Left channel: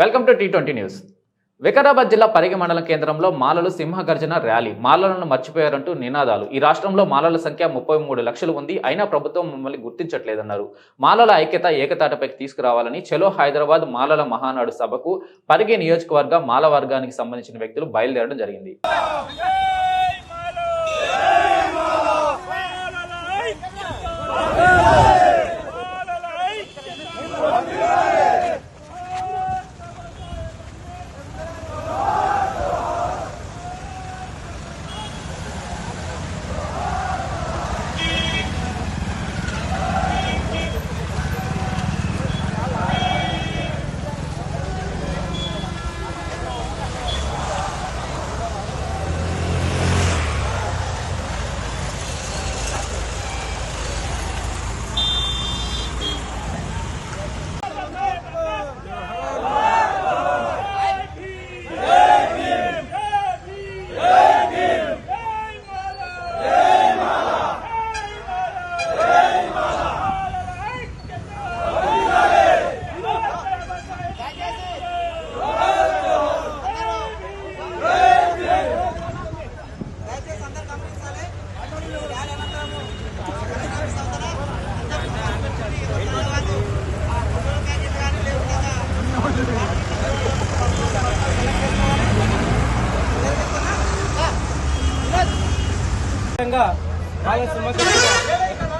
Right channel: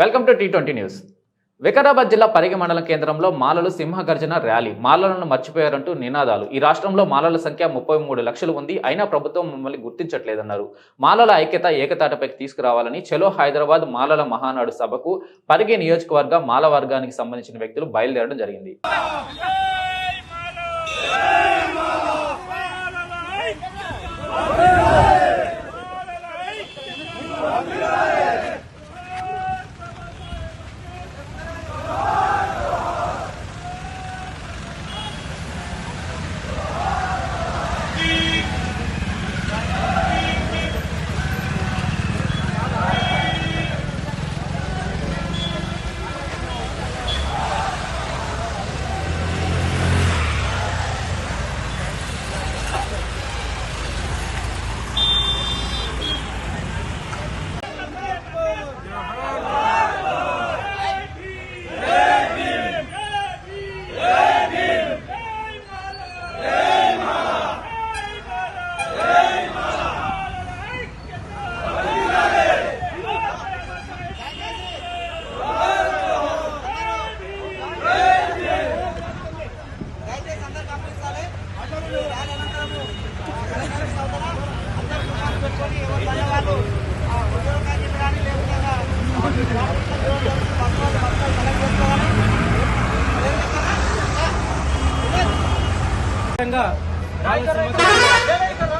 Welcome to T20 news. Vikarabad జిల్లా పరిగి మండల కేంద్రంలో మాలలు సింహగర్జన ర్యాలీ. మాలలను మర్చిపోయారంటూ నినాదాలు. ఈ రాష్ట్రంలో మాలల సంఖ్య 33 లక్షలు ఉంది, అయినా ప్రభుత్వం మమ్మల్ని గుర్తించట్లేదన్నారు. మాలల ఐక్యత ఏకతాటపైకి తీసుకురావాలని చలో హైదరాబాద్ మాలల మహానాడు సభకు పరిగి నియోజకవర్గ మాల వర్గానికి సంబంధించిన వ్యక్తులు బయలుదేరడం జరిగింది.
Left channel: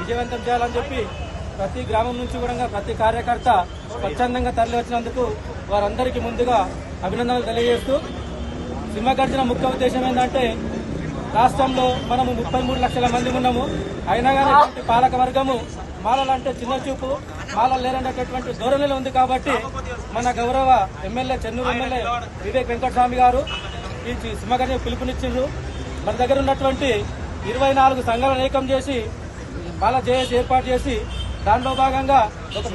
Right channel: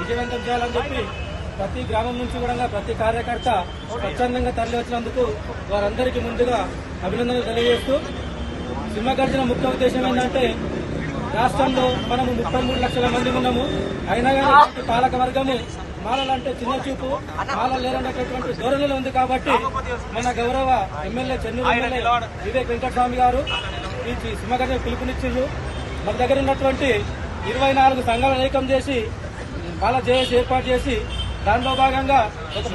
విజయవంతం చేయాలని చెప్పి ప్రతి గ్రామం నుంచి కూడా ప్రతి కార్యకర్త స్వచ్ఛందంగా తరలి వచ్చినందుకు వారందరికీ ముందుగా అభినందనలు తెలియజేస్తూ, సింహగర్జన ముఖ్య ఉద్దేశం ఏంటంటే రాష్ట్రంలో మనము 33 లక్షల మంది ఉన్నాము. అయినా కానీ పాలక వర్గము మాలలంటే చిన్న చూపు, మాలలు లేరనేటటువంటి ధోరణిలో ఉంది. కాబట్టి మన గౌరవ ఎమ్మెల్యే చెన్నూరు ఎమ్మెల్యే వివేక్ వెంకటస్వామి గారు ఈ సింహగర్జన పిలుపునిచ్చిండ్రు. మన దగ్గర ఉన్నటువంటి 24 సంఘాలను ఏకం చేసి వాళ్ళ జేఏసీ ఏర్పాటు చేసి దానిలో భాగంగా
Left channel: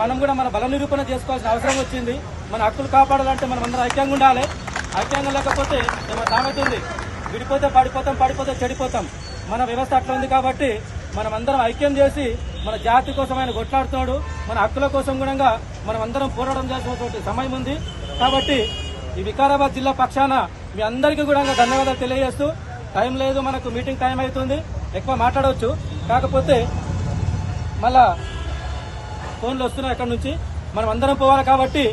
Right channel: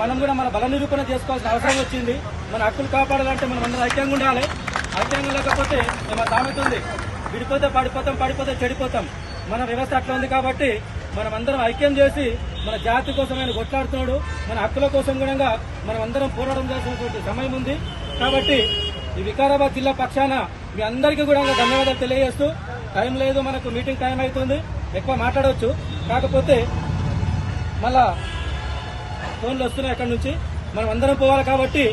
మనం కూడా మన బల నిరూపణ చేసుకోవాల్సిన అవసరం వచ్చింది. మన హక్కులు కాపాడాలంటే మనం అందరం ఐక్యంగా ఉండాలి. ఐక్యంగా లేకపోతే మన సామెతుంది, విడిపోతే పడిపోతాం, పడిపోతే చెడిపోతాం. మన వ్యవస్థ అట్లా ఉంది. కాబట్టి మనం అందరం ఐక్యం చేసి మన జాతి కోసం ఆయన కొట్లాడుతున్నాడు. మన హక్కుల కోసం కూడా మనం అందరం పోరాటం చేసినటువంటి సమయం ఉంది. కాబట్టి ఈ వికారాబాద్ జిల్లా పక్షాన మీ అందరికీ కూడా ధన్యవాదాలు తెలియజేస్తూ, టైం లేదు, మనకు మీటింగ్ టైం అవుతుంది, ఎక్కువ మాట్లాడవచ్చు. కాకపోతే మళ్ళా ఫోన్లు వస్తున్నాయి ఎక్కడి నుంచి, మనం అందరం పోవాలి. కాబట్టి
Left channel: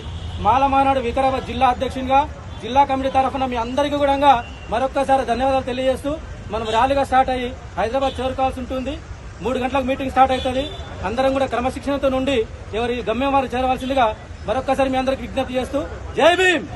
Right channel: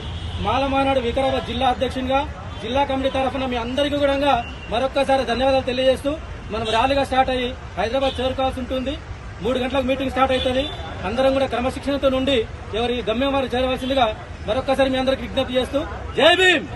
మాల మానాడు వికారాబాద్ జిల్లా అధ్యక్షునిగా జిల్లా కమిటీ తరఫున మీ అందరికీ కూడా మరొక్కసారి ధన్యవాదాలు తెలియజేస్తూ, మనం ర్యాలీగా స్టార్ట్ అయ్యి హైదరాబాద్ చేరుకోవాల్సి ఉంటుంది. 3 గంటలకు మీటింగ్ స్టార్ట్ అవుతుంది. అందరం కూడా క్రమశిక్షణతో నుండి ఎవరి గమ్యం వారు చేరవలసిందిగా మరొక్కసారి మీ అందరికి విజ్ఞప్తి చేస్తూ, జై భీమ్.